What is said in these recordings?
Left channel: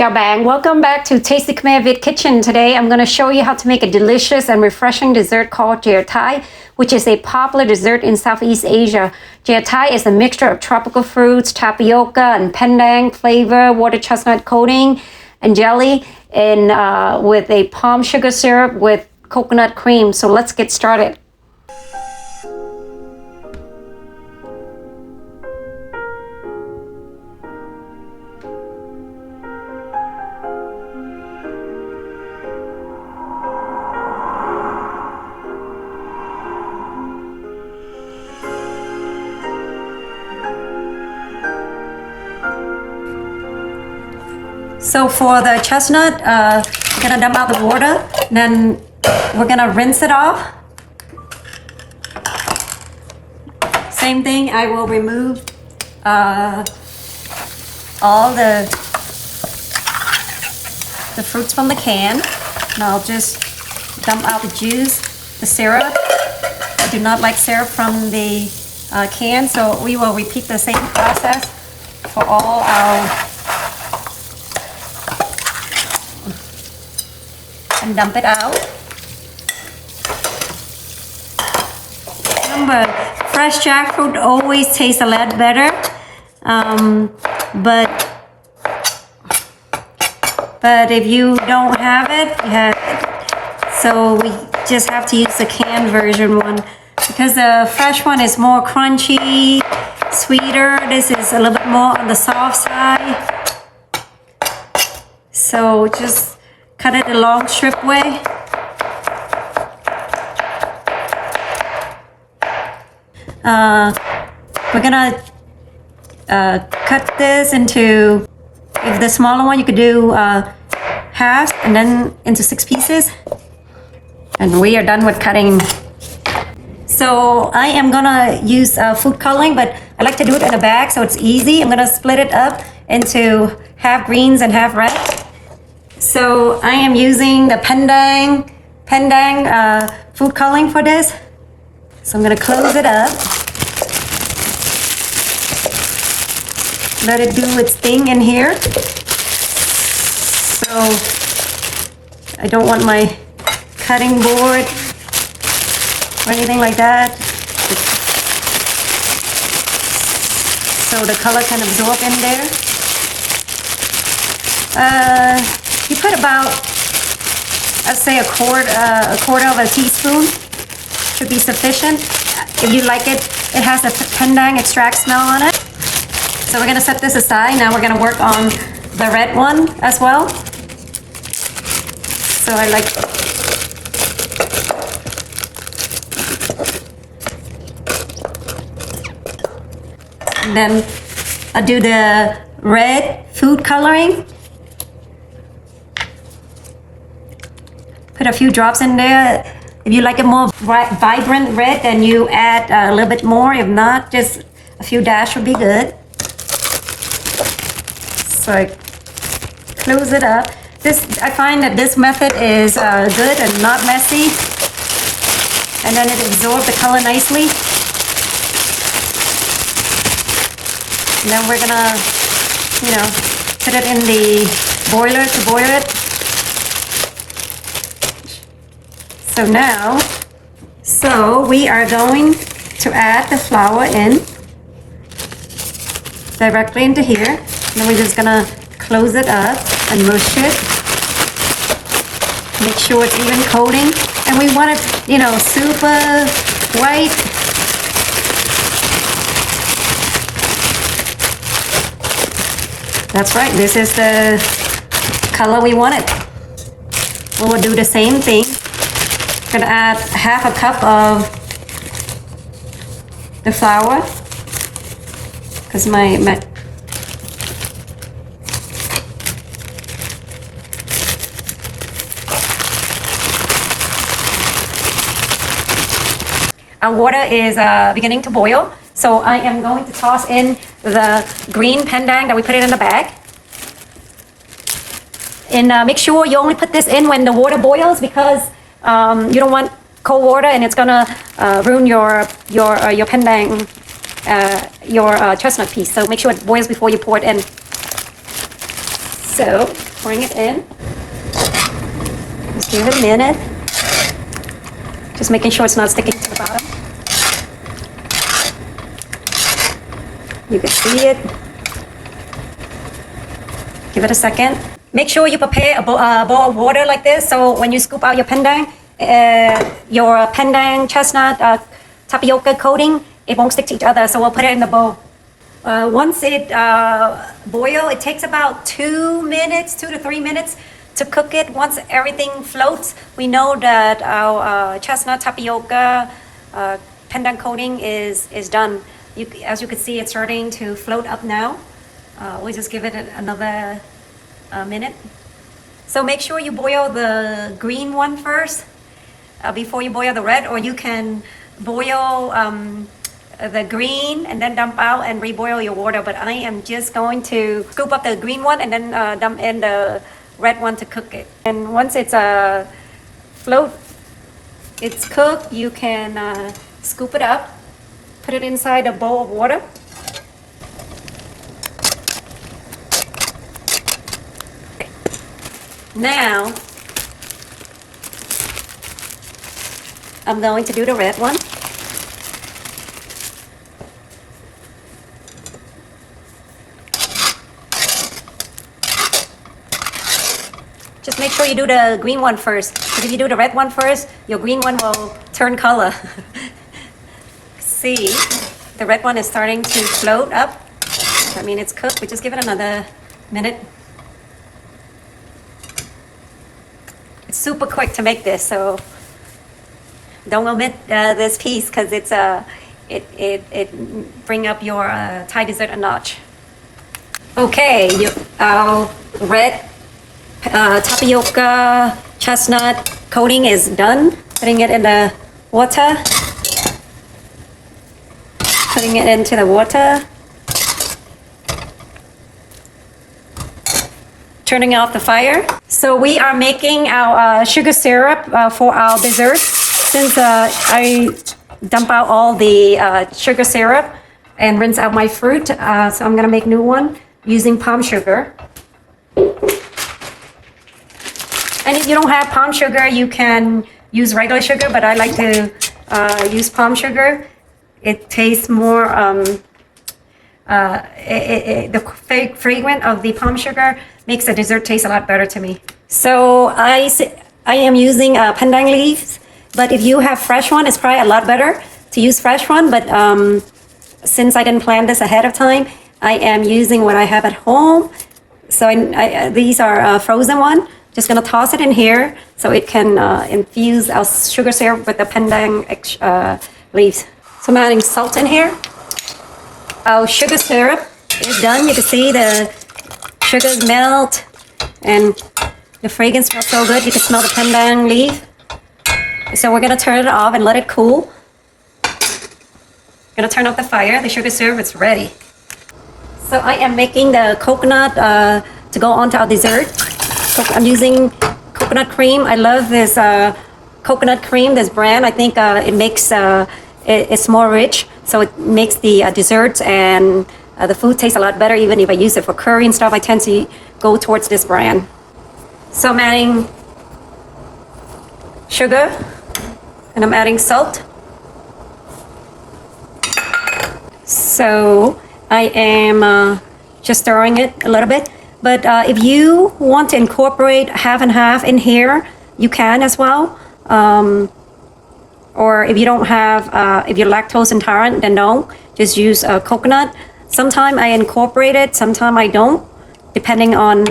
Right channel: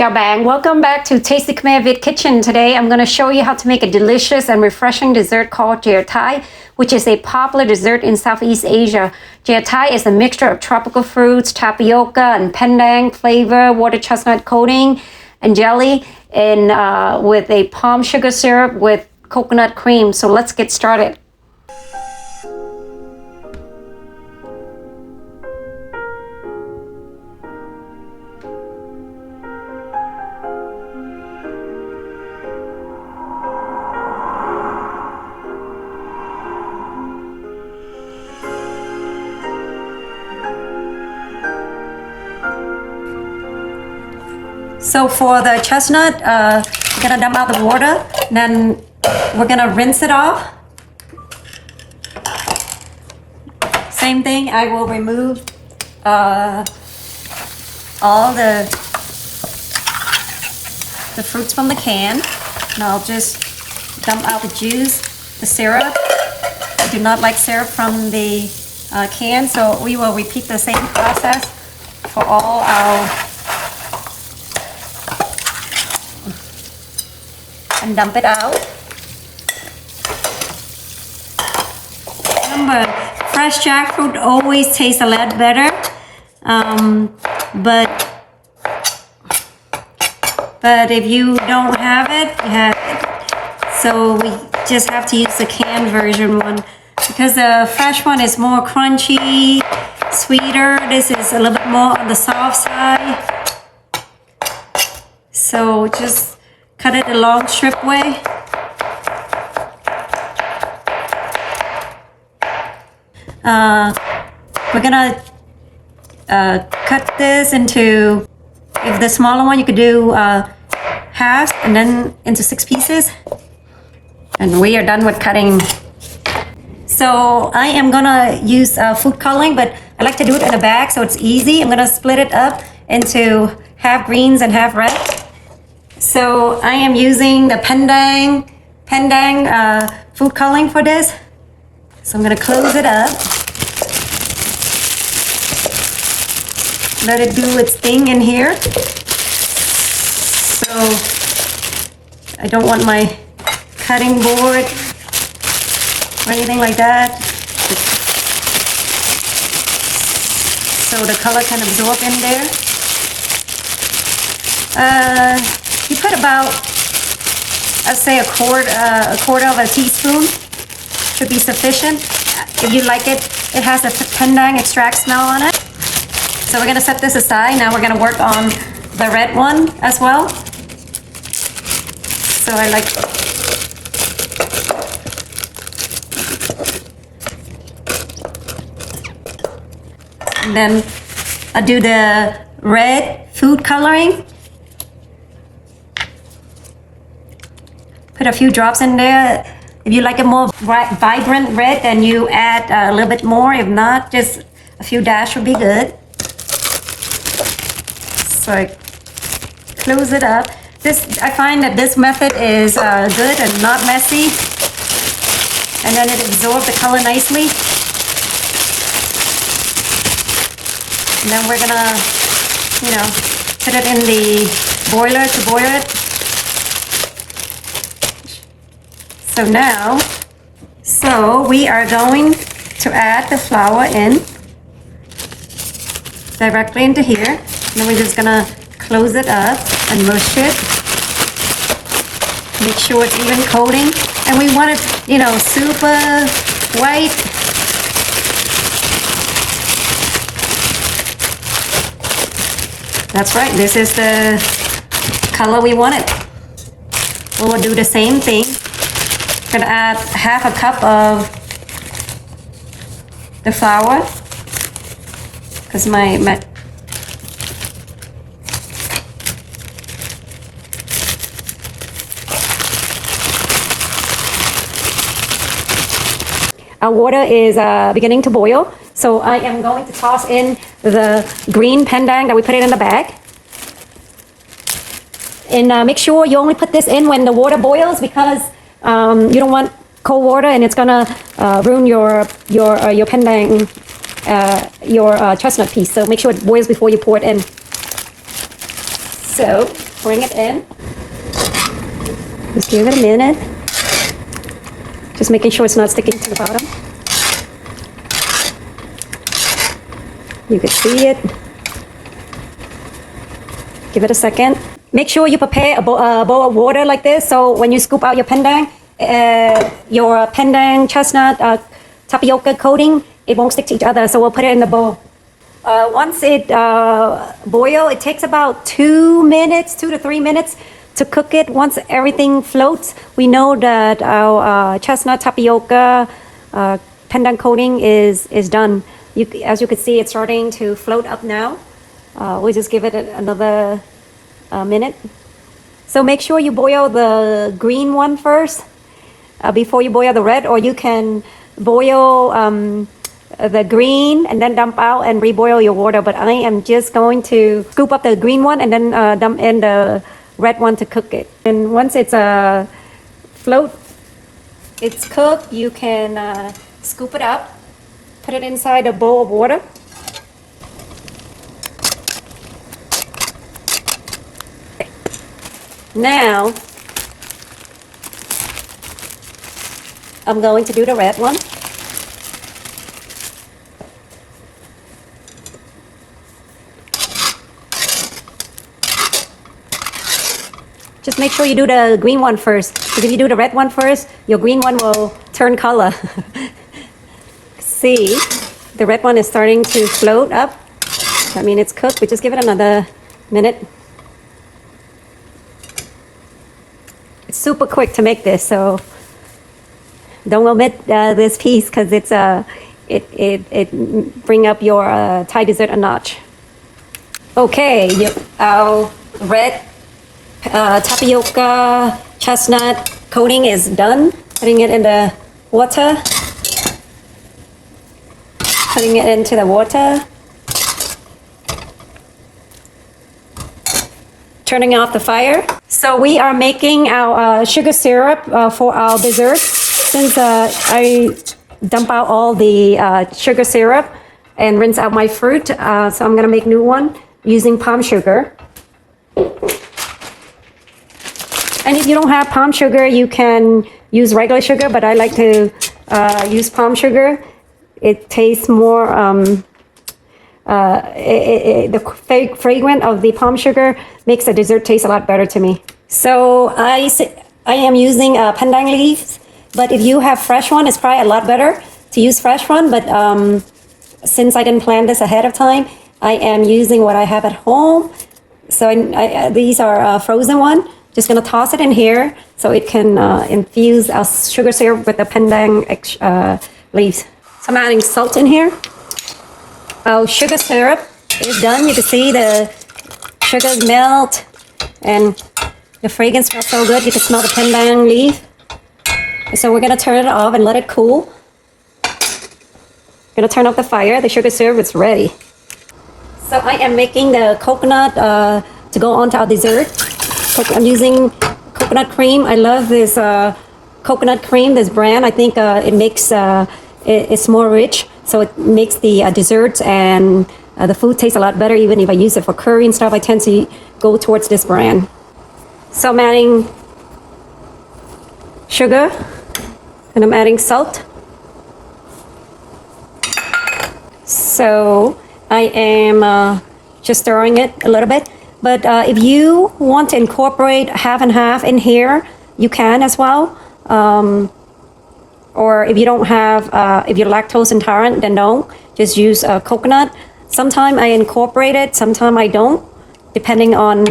Chào bạn, welcome back to Tasty Khmer Việt Kitchen. Today I'm going to show you how to make a delicious and refreshing dessert called Chai Thai, which is a popular dessert in Southeast Asia. Chai Thai is a mixture of tropical fruits, tapioca and pandan flavor, water chestnut coating, and jelly, and with a palm sugar syrup with coconut cream. So let's get started. So for the chestnut, we're gonna dump out the water, then we're gonna rinse it off. Same thing, I will remove all the fruits from the can, and I'll just dump out the juice, the syrup. I do not like syrup from the can, so we will repeat the same process for all our and dump it out. Remember, fresh jackfruit always tastes a lot better, but if you don't have it, you have it. So we just have to use the canned version one because the fresh one is more crunchy, sweeter. This is a little bit more on the soft side. So just cut it a long strip way. We're gonna cut this into, if the smaller one you could do halves and then into 6 pieces. And we are done with cutting. So I am gonna use food coloring, but I like to do it in a bag so it's easy. I'm gonna split it up into half greens and half red. So I am using the Pandan food coloring for this. So I'm gonna close it up. Let it do its thing in here. So I don't want my cutting board or anything like that. So the color can absorb in there. You put about, I'd say a quarter of a teaspoon should be sufficient. If you like it, it has a pandan extract smell on it. So we're gonna set this aside. Now we're gonna work on the red one as well. So I like, and then I do the red food coloring. Put a few drops in there. If you like it more vibrant red, then you add a little bit more. If not, just a few dash would be good. So I close it up. I find that this method is good and not messy. And then it absorbs the color nicely. And then we're gonna, put it in the boiler to boil it. So we are going to add the flour in directly into here. And then we're just gonna close it up and mush it. Make sure it's even coating. And we want it, super white. That's right, this is the color we want it. We'll do the same thing. I'm gonna add half a cup of the flour because our water is beginning to boil. So I am going to toss in the green pandan that we put it in the bag. And make sure you only put this in when the water boils because you don't want cold water and it's gonna ruin your pandan, your chestnut piece. So make sure it boils before you pour it in. So Bring it in. Just give it a minute. Just making sure it's not sticking to the bottom. You can see it. Give it a second. Make sure you prepare a bowl of water like this, so when you scoop out your pandan, your pandan chestnut tapioca coating, it won't stick to each other. So we'll put it in the bowl. Once it boils, it takes about 2 to 3 minutes to cook it. Once everything floats, we know that our chestnut tapioca pandan coating is done. As you can see, it's starting to float up now. We'll just give it another minute. So make sure you boil the green one first before you boil the red, or you can boil the green and then dump out and reboil your water. But I am just going to scoop up the green one and then dump in the red one to cook it. And once it's it's cooked, you can scoop it up, put it inside a bowl of water. Now, I'm going to do the red one. Just make sure you do the green one first, because if you do the red one first, your green one will turn color. See, the red one is starting to float up. I mean, it's cooked. We just give it another minute. It's super quick to make this, so don't omit this piece, because it bring up your Thai dessert a notch. Okay, our red tapioca chestnut coating is done. Putting it in the water. Putting it into the water. Turning off the fire. So we are making our sugar syrup for our dessert. Since I dump out all the sugar syrup and rinse out my fruit, so I'm gonna make new one using palm sugar. And if you don't have palm sugar, you can use regular sugar, but I like to use palm sugar. It tastes more, the fragrance of the palm sugar makes the dessert taste a lot better to me. So I am using pandan leaves, but if you have fresh one, it's probably a lot better to use fresh one. But since I didn't plan this ahead of time, I am using what I have at home. So these are frozen one. Just gonna toss it in here so it can infuse our sugar syrup with the pandan leaves. So I'm adding salt in here. Our sugar syrup is done. You can see the sugars melt and the fragrance smells so good. You can smell the pandan leaf. So we're gonna turn it off and let it cool. Gonna turn off the fire. The sugar syrup is ready. So I am making the coconut to go onto our dessert. I'm using coconut cream. I love this coconut cream, this brand. I think it makes it's more rich, so it makes the desserts and the food taste a lot better. Even if I use it for curry and stuff, I tend to go towards this brand. So I'm adding sugar and I'm adding salt. So I am just stirring it a little bit. But if you want to incorporate half and half in here, you can as well. Or if you don't have, if you're lactose intolerant, then don't. Just use coconut. Sometimes I incorporate it, sometimes I don't, depending on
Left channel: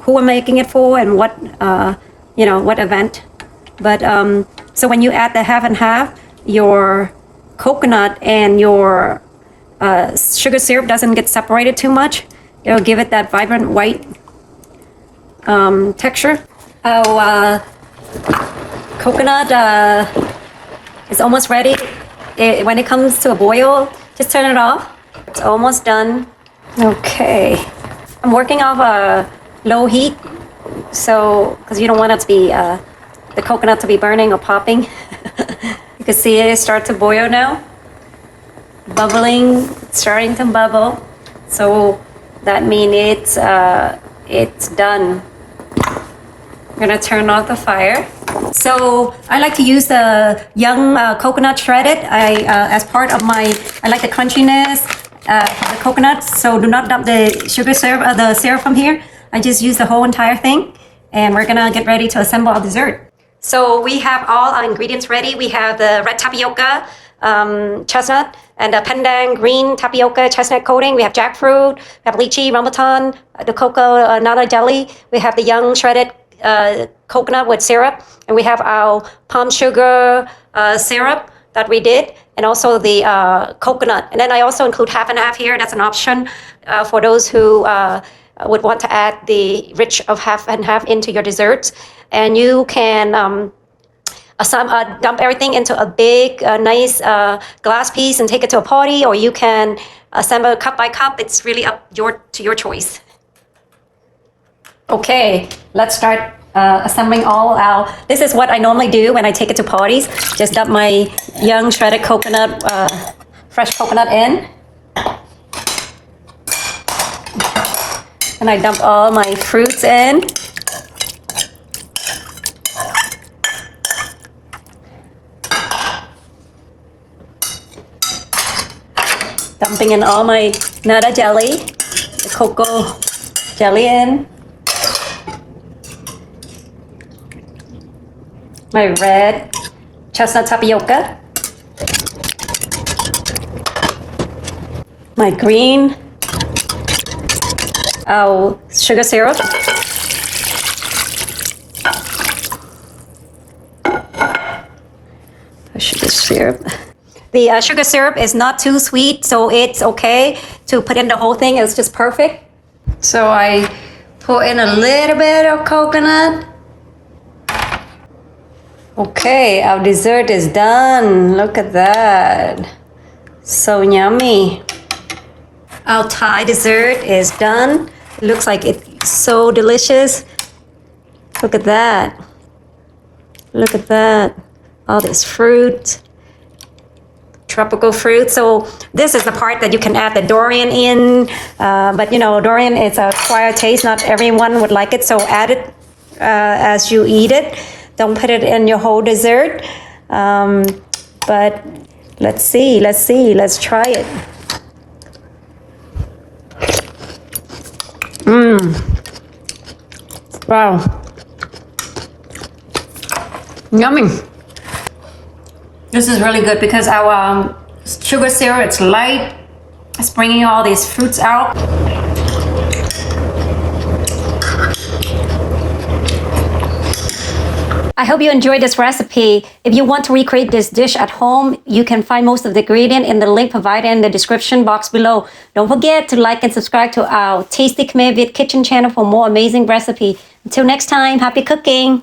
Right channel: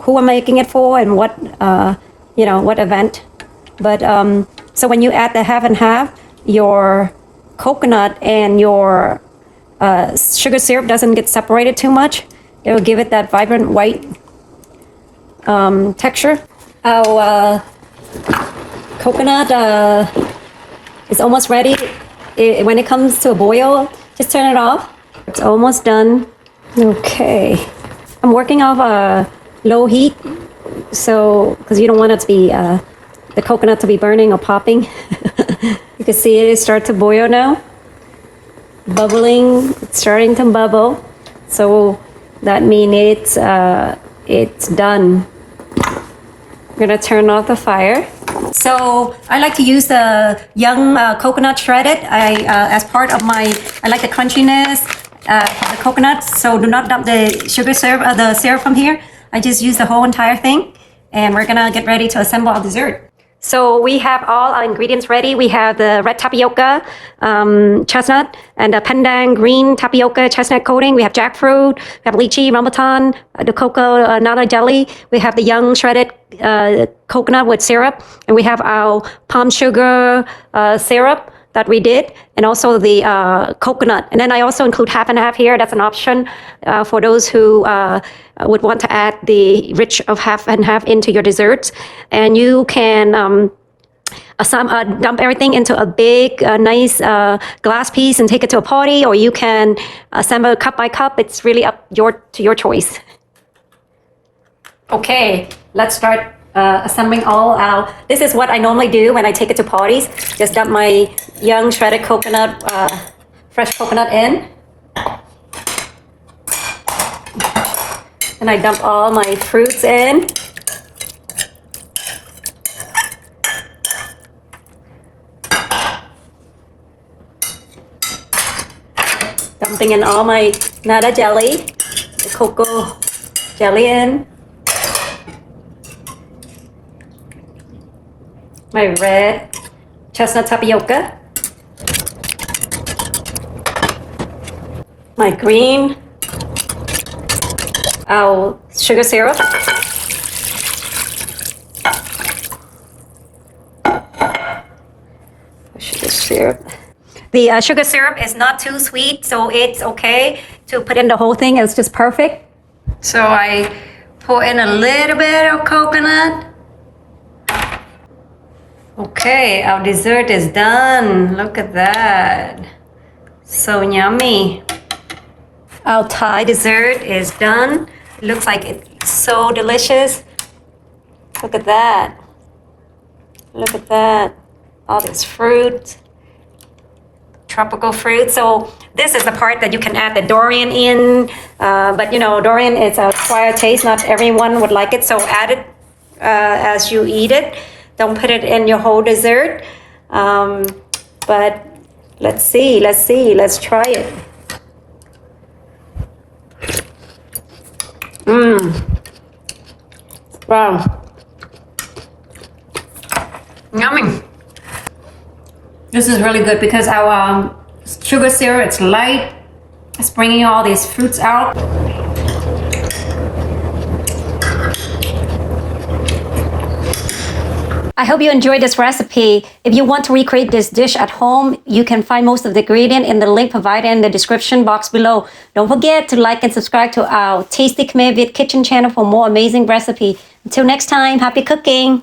who I'm making it for and what, what event. But so when you add the half and half, your coconut and your sugar syrup doesn't get separated too much. It'll give it that vibrant white texture. Our coconut is almost ready. When it comes to a boil, just turn it off. It's almost done. Okay. I'm working off low heat, so because you don't want it to be the coconut to be burning or popping. You can see it start to boil now. Bubbling, it's starting to bubble. So that means it's it's done. I'm gonna turn off the fire. So I like to use the young coconut shredded. As part of my, I like the crunchiness of the coconuts. So do not dump the sugar syrup, the syrup from here. I just use the whole entire thing. And we're gonna get ready to assemble our dessert. So we have all our ingredients ready. We have the red tapioca, chestnut, and the pandan green tapioca chestnut coating. We have jackfruit, we have lychee, rambutan, the cocoa nata jelly. We have the young shredded coconut with syrup, and we have our palm sugar syrup that we did, and also the coconut. And then I also include half and half here. That's an option for those who would want to add the rich of half and half into your desserts. And you can dump everything into a big, nice glass piece and take it to a party, or you can assemble cup by cup. It's really up to your choice. Okay, let's start assembling all our. This is what I normally do when I take it to parties. Just dump my young shredded coconut, fresh coconut in. And I dump all my fruits in. Dumping in all my nata jelly, cocoa jelly in. My red chestnut tapioca. My green sugar syrup. Sugar syrup. The sugar syrup is not too sweet, so it's okay to put in the whole thing. It's just perfect. So I pour in a little bit of coconut. Okay, our dessert is done. Look at that. So yummy. Our Thai dessert is done. It looks like it's so delicious. Look at that. Look at that. All this fruit. Tropical fruit. So this is the part that you can add the durian in. But you know, durian is a acquired taste. Not everyone would like it. So add it as you eat it. Don't put it in your whole dessert. But let's see. Let's try it. Wow. Yummy. This is really good because our sugar syrup, it's light. It's bringing all these fruits out. I hope you enjoyed this recipe. If you want to recreate this dish at home, you can find most of the ingredient in the link provided in the description box below. Don't forget to like and subscribe to our Tasty Khmer Viet Kitchen channel for more amazing recipe. Until next time, happy cooking!